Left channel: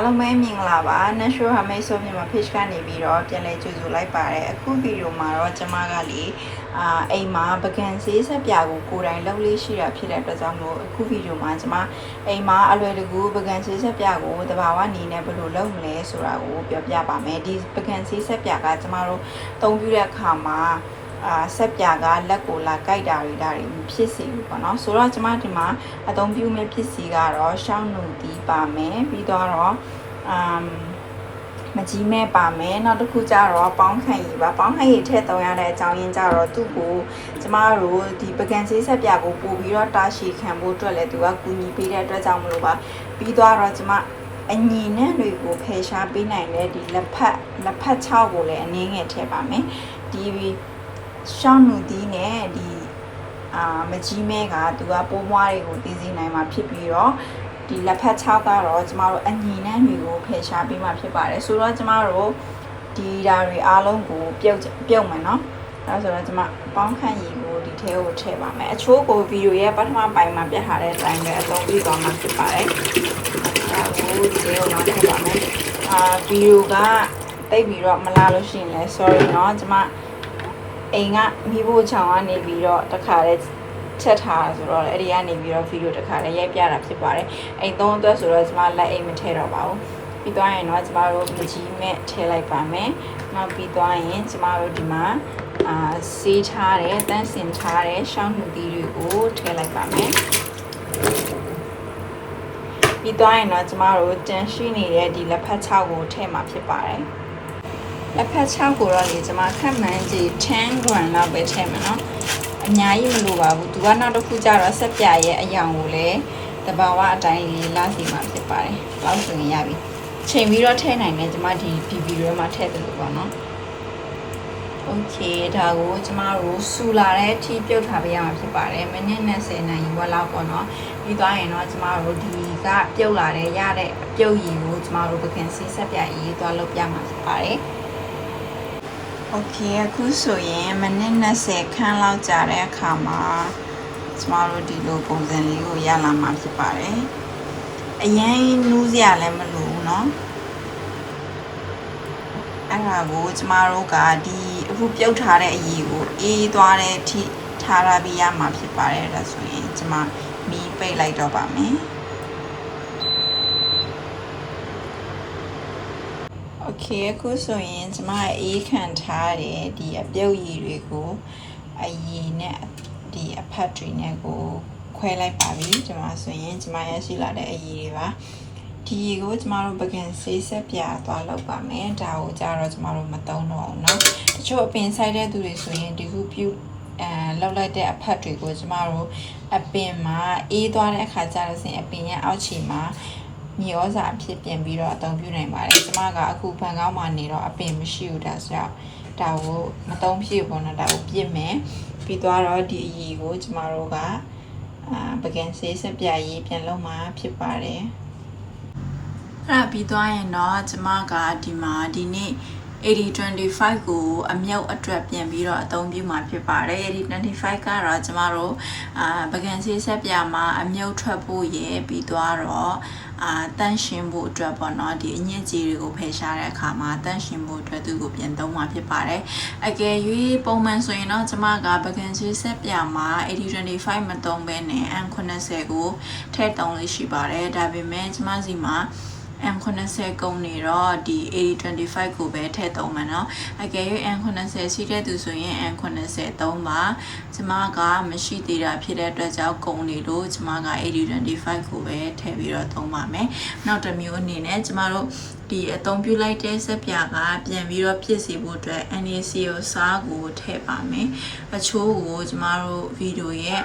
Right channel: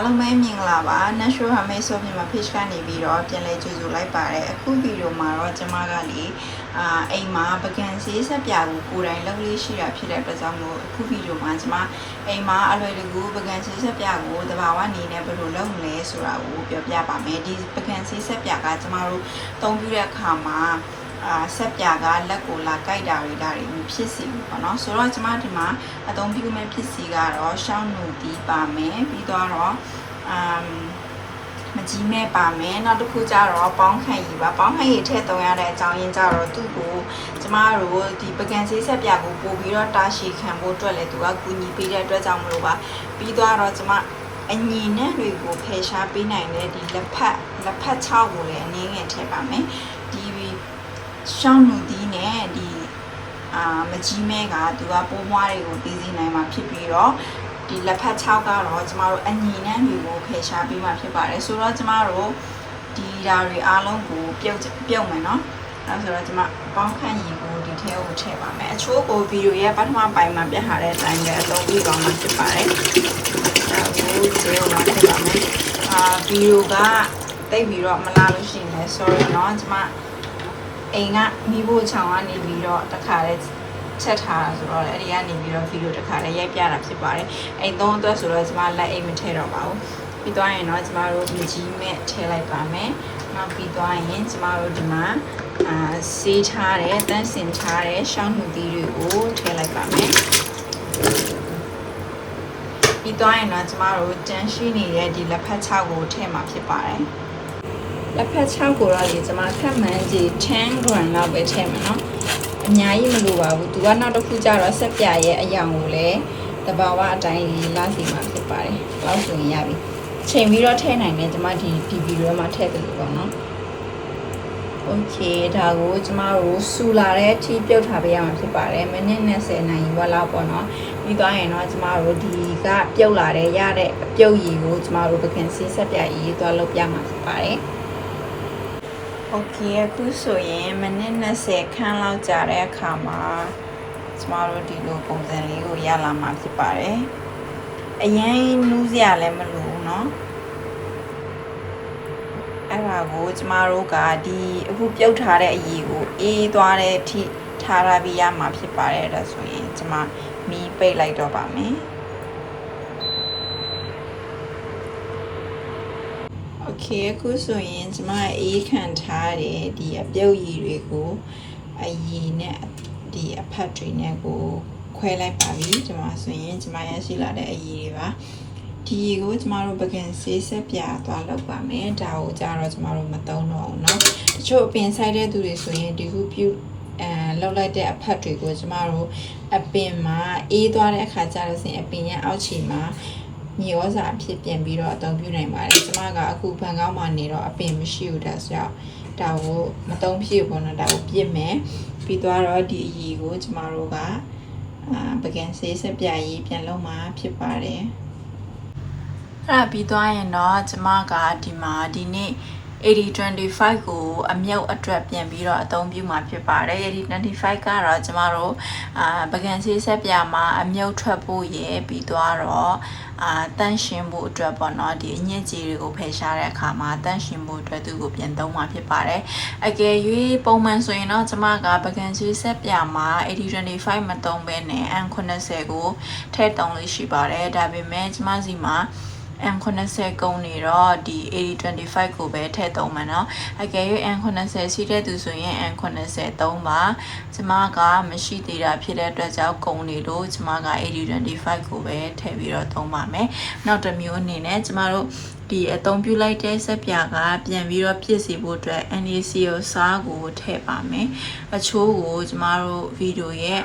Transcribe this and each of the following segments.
အားလုံးပဲမြင်လာပါ natural handmade soap မြန်မာ page ကနေပြီးတော့ပြန်လဲကြိုဆိုလိုက်ပါတယ်အခုဗီဒီယိုမှာတော့ကျွန်မကလေအိမ်မှာပကံဆေးဆက်ပြာကိုကိုယ်တိုင်လုပ်လေးရှိတာဖြစ်တဲ့အတွက်ကြောင့်မို့အခုဗီဒီယိုမှာကျွန်မအိမ်မှာအလွယ်တကူပကံဆေးဆက်ပြာကိုတဘာဝနေနဲ့ဘယ်လိုလုပ်မလဲဆိုတာကိုပြောပြပါမယ်ဒီပကံဆေးဆက်ပြာကကျွန်မတို့သုံးပြတဲ့အခါမှာဆက်ပြာကလက်ကိုလာကြိုက်တာတွေဒါတွေမဖြစ်စေဘူးပေါ့နော်ဆိုတော့ကျွန်မဒီမှာအသုံးပြုမဲ့ဖြစ်စီကတော့ရှောင်းနူတီးပါမယ်ပြီးတော့မကြီးမဲ့ပါမယ်နောက်တစ်ခုကျတော့ပေါင်းခန့်ရည်ပါပေါင်းခန့်ရည်ထည့်သုံးရတဲ့အကြောင်းရင်းကျတော့သူ့ကိုကျမတို့ဒီပကံဆေးဆက်ပြကိုပို့ပြီးတော့တာရှည်ခံဖို့အတွက်လည်းသူကကူညီပေးတဲ့အတွက်ကြောင့်မလို့ပါပြီးတော့ကျမအညီနဲ့တွေကိုဖယ်ရှားပေးနိုင်တဲ့ဒီလက်ဖက်6ကိုလည်းအနည်းငယ်ထည့်ပါမယ်ဒီရှောင်းနူတီးနဲ့ဒီမကြီးမဲကသူကပိုးမွားတွေကိုတည်စေနိုင်မှာဖြစ်ပြီးတော့ဒီလက်ဖက်6ကတော့ကျမတို့အညီနဲ့တွေကိုဖယ်ရှားပေးမှာဖြစ်ပါတယ်ဆိုတော့ကျမတို့ဒီဓာတ်တွေအားလုံးကိုပြုတ်မယ်နော်အဲဆိုတော့ကျမပေါင်းခန့်ရည်ကိုဒီထဲကိုထည့်ပါမယ်အချိုးကိုဗီဒီယိုရဲ့ပထမပိုင်းမှာပြထားတဲ့အတိုင်းပဲအသုံးပြုသွားမှာဖြစ်ပါတယ်ဒါကိုကျေအောင်ထည့်ပါမယ်ဗီဒီယိုကတိတ်ပြီးတော့မလာလို့ရှိရင်လည်း sorry เนาะကျမအိမ်ကမိဖို့ချောင်းကနေပြီးတော့တခါလေးချက်ထားဆိုတော့အဲ့ဒီကနေပြီးတော့ဗီဒီယိုတစ်ခါလေးရိုက်ပြတာဖြစ်ပါတယ်အိမ်သုံးအတွက်ဆိုတော့ကျမလက်အိမ်မထည့်တော့ပါဘူးပြီးသွားရင်တော့ကျမတို့မကြီးမဲ့ထည့်လိုက်ပါမယ်နောက်ပြီးသွားရင်ကျမတို့ဒီမှာဆေးထားတဲ့တန်းစင်ထားတဲ့ရှောင်းနူတီးတွေကိုထည့်လိုက်ပါမယ်ပြီးသွားရင်တော့ကျမတို့တန်းရှိနေတဲ့ဒီလက်ဖက်6ကိုထည့်မှာဖြစ်ပါတယ်လက်ဖက်6ကိုတော့လေကျမခက်မှန်းကြီး10 gram လောက်ပဲထည့်မှာနော်အများကြီးမလိုပါဘူးသူကနောက်တစ်ခုကျတော့ဆက်ပြရဲ့အယောင်ကိုလည်းတဘာဝအတိုင်းလေးလာစီမှာဖြစ်ပါတယ်လောက်ဆိုရင်ရပြီချိန်ပြီးတော့ထည့်နိုင်တယ်ကျမဒီဗီဒီယိုမှာထည့်တယ်လို့ပေါ့နော်โอเคဒါကိုကျမတို့စူလာတဲ့အထိပြုတ်ထားပေးရမှာဖြစ်ပါတယ်မိနစ်20နာရီဝက်လောက်ပေါ့နော်ပြီးသွားရင်တော့ကျမတို့ဒီကပြုတ်လာတဲ့ရတဲ့အပြုတ်ရည်ကိုကျမတို့ပကံဆေးဆက်ပြရည်သွားလုပ်ပြမှာဖြစ်ပါတယ်โอเคအခုဆိုရင်မိနစ်20ခန်းလောက်ကြာတဲ့အခါမှာကျမတို့ဒီလိုပုံစံလေးကိုရလာမှာဖြစ်ပါတယ်အရင်နူးစရာလည်းမလိုဘူးเนาะအဲ့ဒါကိုကျမတို့ကဒီအခုပြုတ်ထားတဲ့အရည်ကိုအေးသွားတဲ့အထိထားရပြီးရမှာဖြစ်ပါတယ်ဒါဆိုရင်ကျမမီးပိတ်လိုက်တော့ပါမယ်โอเคအခုဆိုရင်ကျမအေးခံထားတဲ့ဒီအပြုတ်ရည်တွေကိုအရည်နဲ့ဒီအဖက်တွေနဲ့ကိုခွဲလိုက်ပါပြီကျမဆိုရင်ကျမရရှိလာတဲ့အရည်တွေပါဒီရည်ကိုကျမတို့ပကံဆေးဆက်ပြသွားလောက်ပါမယ်ဒါကိုကြတော့ကျမတို့မသုံးတော့ဘူးเนาะတချို့အပင်ဆိုင်တဲ့သူတွေဆိုရင်ဒီခုပြုတ်လောက်လိုက်တဲ့အဖက်တွေကိုကျမတို့အပင်မှာအေးသွားတဲ့အခါကျတော့အပင်ရဲ့အောက်ခြေမှာမြေဩဇာအဖြစ်ပြန်ပြီးတော့အသုံးပြုနိုင်ပါတယ်ကျမကအခုဘန်ကောက်မှာနေတော့အပင်မရှိဘူးဒါဆိုတော့ဒါကိုမသုံးဖြစ်ဘူးနော်ဒါကိုပြစ်မယ်ပြီးသွားတော့ဒီအရည်ကိုကျမတို့ကပကံဆေးဆက်ပြရည်ပြန်လုပ်မှာဖြစ်ပါတယ်အဲ့ဒါပြီးသွားရင်တော့ကျမကဒီမှာဒီနေ့8025ကိုအမြုပ်အတွက်ပြန်ပြီးတော့အသုံးပြုမှာဖြစ်ပါတယ်8025ကတော့ကျမတို့ပကံဆေးဆက်ပြမှာအမြုပ်ထွက်ဖို့ရယ်ပြီးသွားတော့တန့်ရှင်းဖို့အတွက်ပေါ့နော်ဒီအညစ်အကြေးတွေကိုဖယ်ရှားတဲ့အခါမှာတန့်ရှင်းဖို့အတွက်သူ့ကိုပြန်သုံးမှာဖြစ်ပါတယ်အကယ်၍ပုံမှန်ဆိုရင်တော့ကျမကပကံဆေးဆက်ပြမှာ8025မသုံးဘဲနဲ့ M80 ကိုထည့်သုံးလို့ရှိပါတယ်ဒါပေမဲ့ကျမစီမှာM80 ကုန်နေတော့ဒီ8025ကိုပဲထည့်သုံးမှာเนาะအကယ်၍ M80 ရှိတဲ့သူဆိုရင် M80 သုံးပါကျမကမရှိသေးတာဖြစ်တဲ့အတွက်ကြောင့်ကုန်နေလို့ကျမက8025ကိုပဲထည့်ပြီးတော့သုံးပါမယ်နောက်တစ်မျိုးအနေနဲ့ကျမတို့ဒီအသုံးပြုလိုက်တဲ့ဆက်ပြကပြန်ပြီးတော့ပြည့်စီဖို့အတွက် NaCl စားကိုထည့်ပါမယ်အချိုးကိုကျမတို့ဗီဒီယိုရဲ့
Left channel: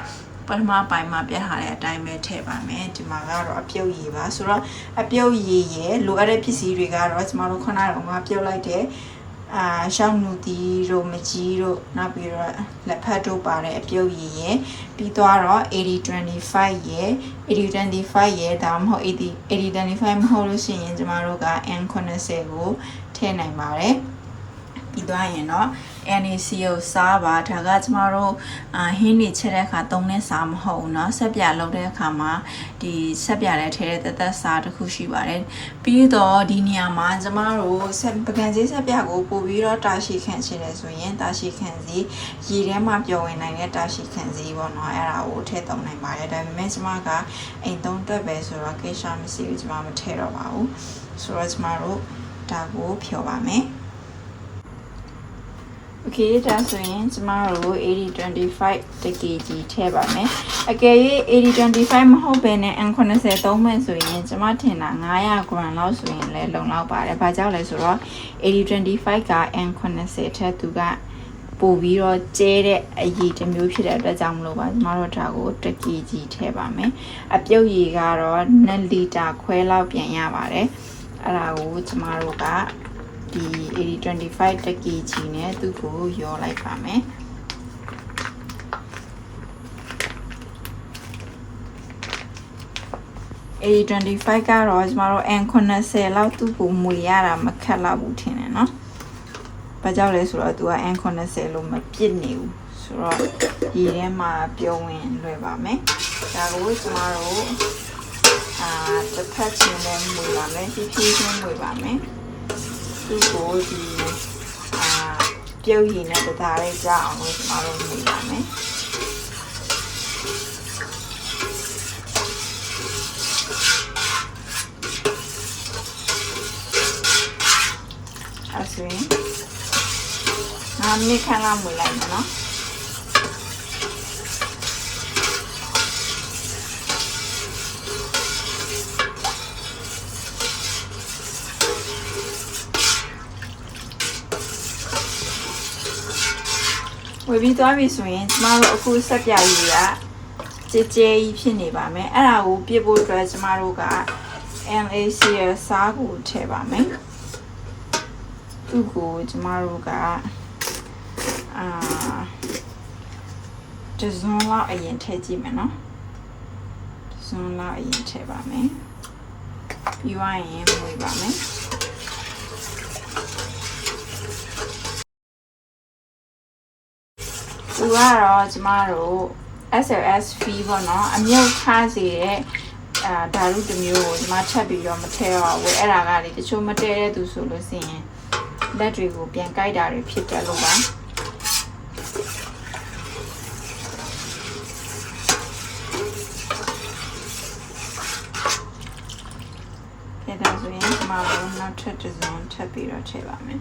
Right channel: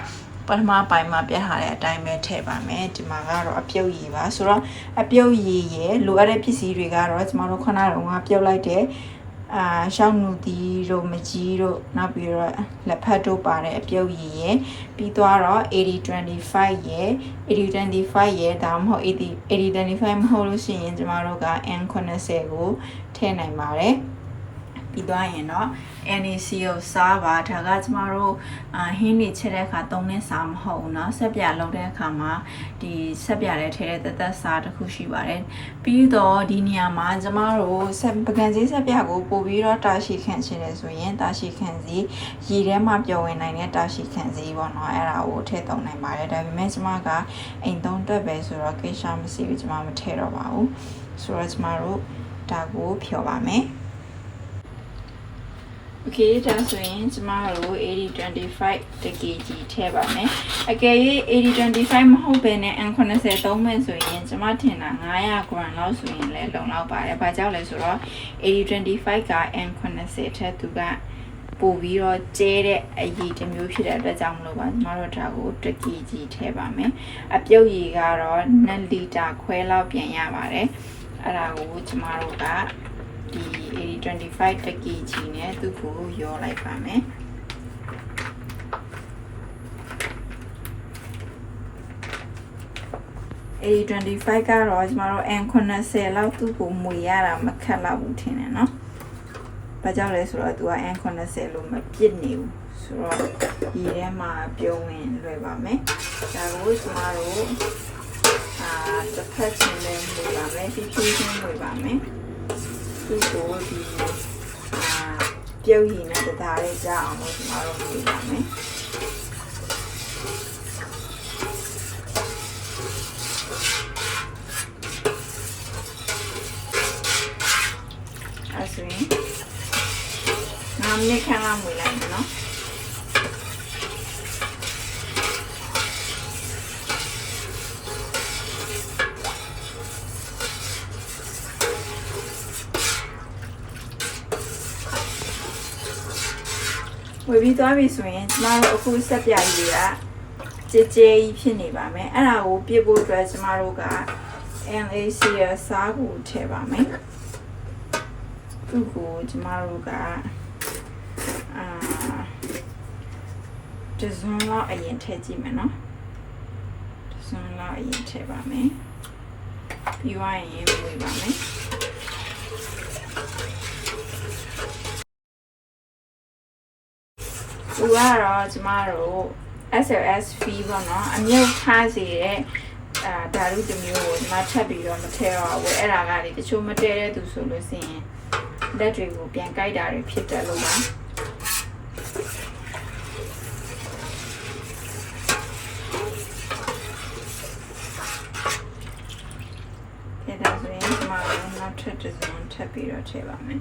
ပထမပိုင်းမှာပြထားတဲ့အတိုင်းပဲထည့်ပါမယ်ဒီမှာကတော့အပြုတ်ရည်ပါဆိုတော့အပြုတ်ရည်ရဲ့လိုအပ်တဲ့ပစ္စည်းတွေကတော့ကျမတို့ခုနကပြုတ်လိုက်တဲ့ရှောင်းနူတီတို့မကြီးတို့နောက်ပြီးတော့လက်ဖက်တို့ပါတဲ့အပြုတ်ရည်ရဲ့ပြီးသွားတော့8025ရဲ့8025ရဲ့ဒါမှမဟုတ်8025မဟုတ်လို့ရှိရင်ကျမတို့က N80 ကိုထည့်နိုင်ပါတယ် ပြီးသွားရင်တော့ NAC ကိုစားပါဒါကကျမတို့ဟင်းနေချက်တဲ့အခါသုံးတဲ့စားမဟုတ်ဘူးเนาะဆက်ပြလုပ်တဲ့အခါမှာဒီဆက်ပြတဲ့ထဲတဲ့သက်စားတစ်ခုရှိပါတယ်ပြီးတော့ဒီနေရာမှာကျမတို့ပကံစည်းဆက်ပြကိုပို့ပြီးတော့တာရှိခန့်ချင်တယ်ဆိုရင်တာရှိခန့်စည်းရေထဲမှာပျော်ဝင်နိုင်တဲ့တာရှိခန့်စည်းပေါ့เนาะအဲ့ဒါကိုထည့်သုံးနိုင်ပါတယ်ဒါပေမဲ့ကျမကအိမ်သုံးတက်ပဲဆိုတော့ကိစ္စမရှိဘူးကျမမထည့်တော့ပါဘူးဆိုတော့ကျမတို့ဒါကိုဖြော်ပါမယ်โอเคဒါဆိုရင်ကျမတို့8025 kg ထည့်ပါမယ်အကယ်၍8025မဟုတ်ဘဲနဲ့ N90 သုံးမယ်ဆိုရင်ကျမထင်တာ900 gram လောက်ဆိုရင်လည်းလုံလောက်ပါတယ်ဘာကြောင့်လဲဆိုတော့8025က N90 ထက်သူကပို့ပြီးတော့ကျဲတဲ့အရည်တစ်မျိုးဖြစ်တဲ့အတွက်ကြောင့်မလို့ပါကျမတို့ဒါကို1 kg ထည့်ပါမယ်အပြုတ်ရည်ကတော့2လီတာခွဲလောက်ပြန်ရပါတယ်အဲ့ဒါကိုကျမတို့ကဒီ8025 kg နဲ့သူ့ကိုရောလိုက်ပါမယ်8025ကတော့ကျမတို့ N90 လောက်သူ့ကိုမူရတာမခက်တော့ဘူးထင်တယ်เนาะဘာကြောင့်လဲဆိုတော့သူက N90 လို့မပြစ်နေဘူးဆိုတော့ဒီထဲမှာပြောဝင်လွယ်ပါမယ်ဒါကိုကျမတို့တစ်ဖက်ချင်းနဲ့လွယ်ပါမယ်ဖြည်းဖြည်းချင်းလွယ်ပါမယ်သူ့ကိုဒီပြုတ်ရည်နဲ့တသားလေးကြအောင်လို့ကျွန်တော်တို့လုပ်ပါမယ်အဲ့ဆိုရင်5 မိနစ်ခန့်လောက်မွေးလိုက်မယ်နော်ဝယ်ပြီးသွားပြီဆိုရင်ကျမတို့အခုဆက်ပြရည်ကကြဲကြဲကြီးဖြစ်နေပါမယ်အဲ့ဒါကိုပြစ်ဖို့အတွက်ကျမတို့က NAC ရစားကိုထည့်ပါမယ်သူ့ကိုကျမတို့ကဒီဇွန်လောက်အရင်ထည့်ကြည့်မယ်နော်ဒီဇွန်လောက်အရင်ထည့်ပါမယ်ပြီးသွားရင်ဝယ်ပါမယ်သူကတော့ကျမတို့ SLS fee ပေါ့နော်အမြုပ်ထားစေတဲ့ဓာတ်တစ်မျိုးကိုကျမချက်ပြီးတော့မထည့်တော့ဘူးအဲ့ဒါကလေတချို့မတည့်တဲ့သူဆိုလို့ရှိရင်လက်တွေကိုပြန်ကိုက်တာတွေဖြစ်တယ်လို့ပါအဲ့ဒါဆိုရင်ကျမတို့နောက်ထပ်တစ်စုံထပ်ပြီးတော့ထည့်ပါမယ်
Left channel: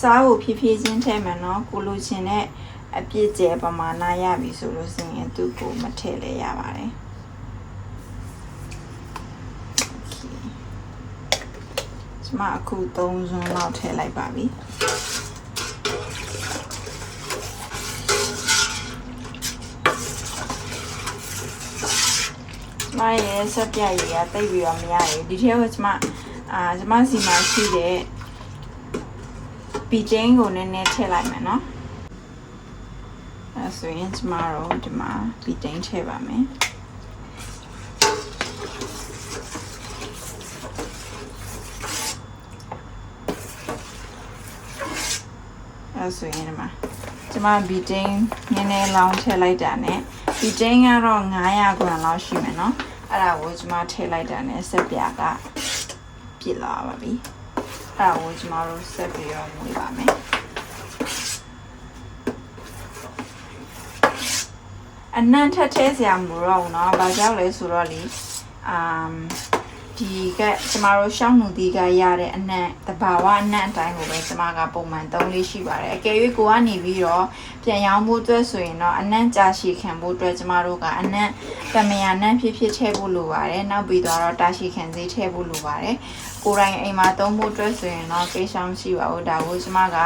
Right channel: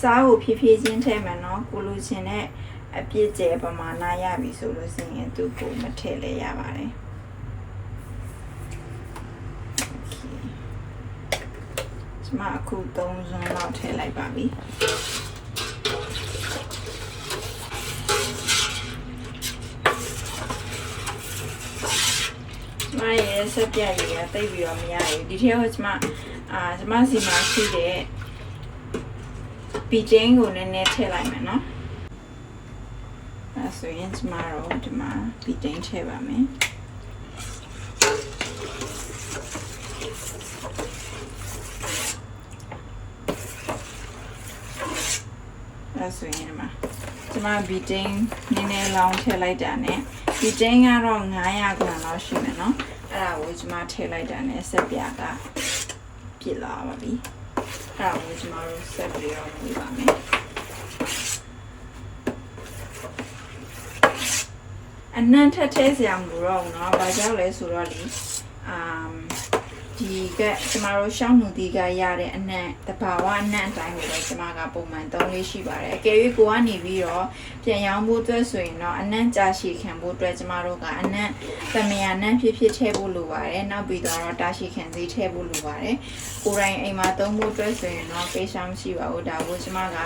စားကိုဖြည်းဖြည်းချင်းထည့်မယ်နော်ကိုလိုချင်တဲ့အပြည့်ကျဲပမာဏရပြီဆိုလို့ရှိရင်သူ့ကိုမထည့်လဲရပါတယ်ကျမအခု3စုံလောက်ထည့်လိုက်ပါပြီကျမရဲ့ဆက်ပြရည်ကတိတ်ပြီးတော့မရဘူးဒီထဲကကျမစီမှာရှိတဲ့ပီတင်းကိုနည်းနည်းထည့်လိုက်မယ်နော်ဆိုရင်ကျမတို့ဒီမှာပီတင်းထည့်ပါမယ်ဆိုရင်ဒီမှာကျမပီတင်းနည်းနည်းလောင်းထည့်လိုက်တာနဲ့ပီတင်းကတော့900 gram လောက်ရှိမယ်နော်အဲ့ဒါကိုကျမထည့်လိုက်တာနဲ့ဆက်ပြကပြစ်လာပါပြီအဲ့ဒါကိုကျမတို့ဆက်ပြီးတော့လုပ်ပါမယ်အနံ့ထက်ထဲစရာမလိုတော့ဘူးเนาะဘာကြောင့်လဲဆိုတော့လေဒီကကျမတို့ရှောင်းမှုဒီကရတဲ့အနံ့တဘာဝအနံ့အတိုင်းပဲကျမကပုံမှန်သုံးလေးရှိပါတယ်အကယ်၍ကိုကနေပြီးတော့ပြန်ရောင်းဖို့အတွက်ဆိုရင်တော့အနံ့ကြာရှည်ခံဖို့အတွက်ကျမတို့ကအနံ့တမယာနံ့ဖြစ်ဖြစ်ထည့်ဖို့လိုပါတယ်နောက်ပြီးတော့တာရှည်ခံစေးထည့်ဖို့လိုပါတယ်ကိုယ်တိုင်အိမ်မှာသုံးဖို့အတွက်ဆိုရင်တော့ကိစ္စမရှိပါဘူးဒါကိုကျမက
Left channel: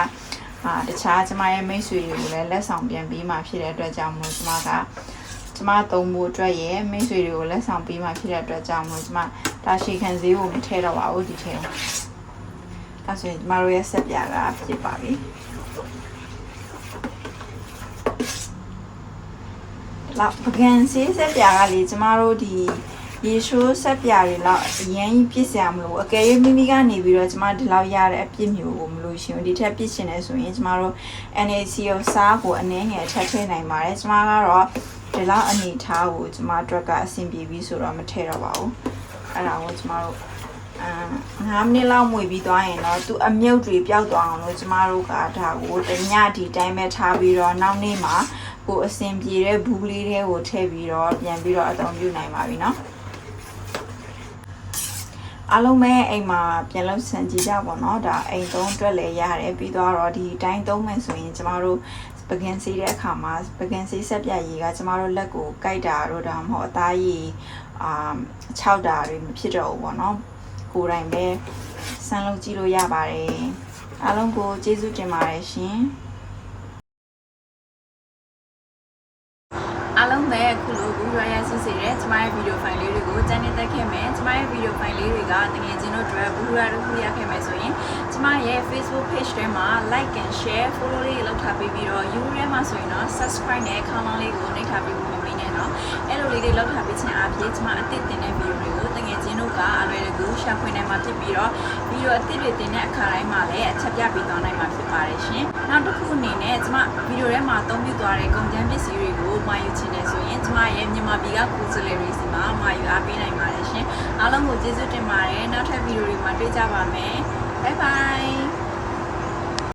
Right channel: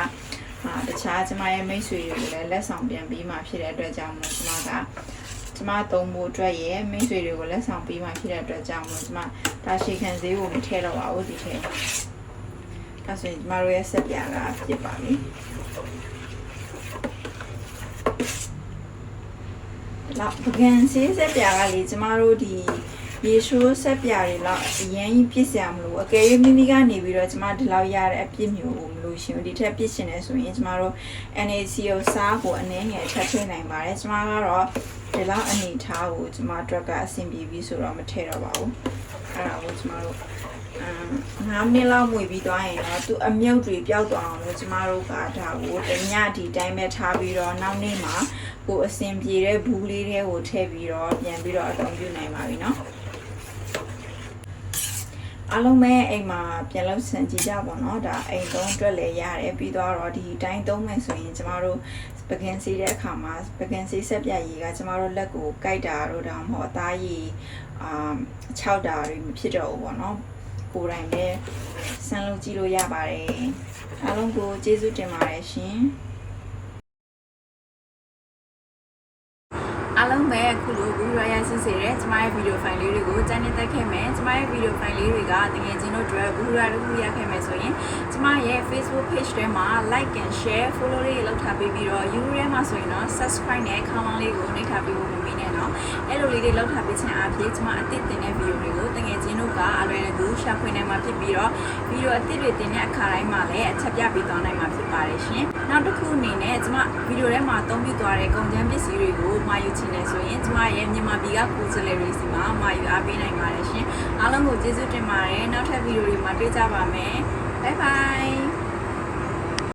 တခြားကျမရဲ့မိတ်ဆွေတွေကိုလည်းလက်ဆောင်ပြန်ပေးမှဖြစ်တဲ့အတွက်ကြောင့်မို့ကျမသုံးဖို့အတွက်ရဲ့မိတ်ဆွေတွေကိုလက်ဆောင်ပေးမှဖြစ်တဲ့အတွက်ကြောင့်မို့ကျမတာရှည်ခံစေးကိုမထည့်တော့ပါဘူးဒီထဲမှာဒါဆိုရင်ကျမတို့ရဲ့ဆက်ပြာကပြစ်ပါပြီလောက်ပကံစေးဆက်ပြာကလေကျမတို့ဒီ ဒီရှိုးဆက်ပြတွေတော့အရင်ကြီးပြစ်စရာမလိုအကယ်၍မိမိကနေပြီးတော့ကျမဒီလောက်ရတဲ့အပြစ်မျိုးကိုမလို့ရှင်ဒီထက်ပြစ်ရှင်နေဆိုရင်ကျမတို့ NaCO စားကိုအနည်းငယ်ထပ်ထည့်နိုင်ပါတယ်ကျမကတော့ဒီလောက်အနေထားကိုကျမတို့ကအဆင်ပြေပြီးဆိုတော့မထည့်တော့ပါဘူးအဲ့ဒါကိုကျမတို့9မိနစ်လောက်မှွေပြီးသွားရင်တော့သူအမြုပ်တွေပျောက်သွားအောင်လို့ကျမတို့ကဒါကိုတညဒီတိုင်းပဲထားပြီးတော့နောက်နေ့မှာကိုအဆင်ပြေတဲ့ဘူးလေးတွေကိုထည့်ပြီးတော့ပြန်ပြီးတော့အသုံးပြုနိုင်ပါပြီเนาะအားလုံးပဲအိမ်မှာပြန်လို့ဆင်ကြည့်ကြပါတော့ဒါအိမ်သုံးအတွက်လည်းရတယ်ပြီးတော့ဒီတိုင်းသုံးမယ်ဆိုရင်ကျမတို့ပကင်စီတဲ့အခါမှာပကင်စီဆက်ပြရည်ကကျမတို့လက်ကိုကိုက်တာတော့ဒါမှမဟုတ်အသားရည်6တာတွေမဖြစ်တော့ဘူးပေါ့နော်ကိုယ်တိုင်ပဲစမ်းလုပ်ကြည့်လို့ရပါတယ်အားလုံးကိုကျေးဇူးတင်ပါတယ်ရှင်အားလုံးပဲအခုလိုဘူးရရဆစ်စေတဲ့ကျမရဲ့ဗီဒီယိုဖိုင်လေးတွေကိုတန်းနေတက်ခဲ့မယ်ကျမရဲ့ဗီဒီယိုဖိုင်လေးတွေကတကယ်ချင်းတို့အတွက်ဘူးရတို့ရခဲ့မယ်ဆိုရင်ကျမရဲ့ Facebook page ထဲမှာ like and share follow လေးလုပ်ထားပြီးတော့ YouTube ထဲမှာဆိုရင်တော့ subscribe နဲ့ခေါင်းလောင်းလေးကိုနှိပ်ထားပြီးဖို့မမေ့နဲ့နော်အဲ့လိုလေးတွေလုပ်ထားပြီးခြင်းအပြင်ကျမအသစ်တင်တဲ့ဗီဒီယိုတွေကိုတကယ်ချင်းတို့ကအလွယ်တကူရှာဖွေနိုင်မှာဖြစ်ပြီးတော့ဗီဒီယိုအသစ်တွေတင်တဲ့အခါတိုင်းမှာလည်းအချက်ပြပေးသွားနိုင်မှာဖြစ်ပါတယ်ရှင်နောက်တစ်ခုအနေနဲ့ကျမဗီဒီယိုထဲမှာအသုံးပြုသွားတဲ့ကုန်ကျန်းပစ္စည်းတွေကိုမှာယူချင်တယ်ဆိုရင်ကျမရဲ့မြန်မာပြည်ကကိုယ်စားလှယ်တွေစီမှာမှာယူအားပေးနိုင်ပါတယ်ရှင်အားလုံးကိုကျေးဇူးတင်ပါတယ်နောက်ထပ်ဗီဒီယိုတွေမှာတွေ့ကြပါမယ်ဘိုင်ဘိုင်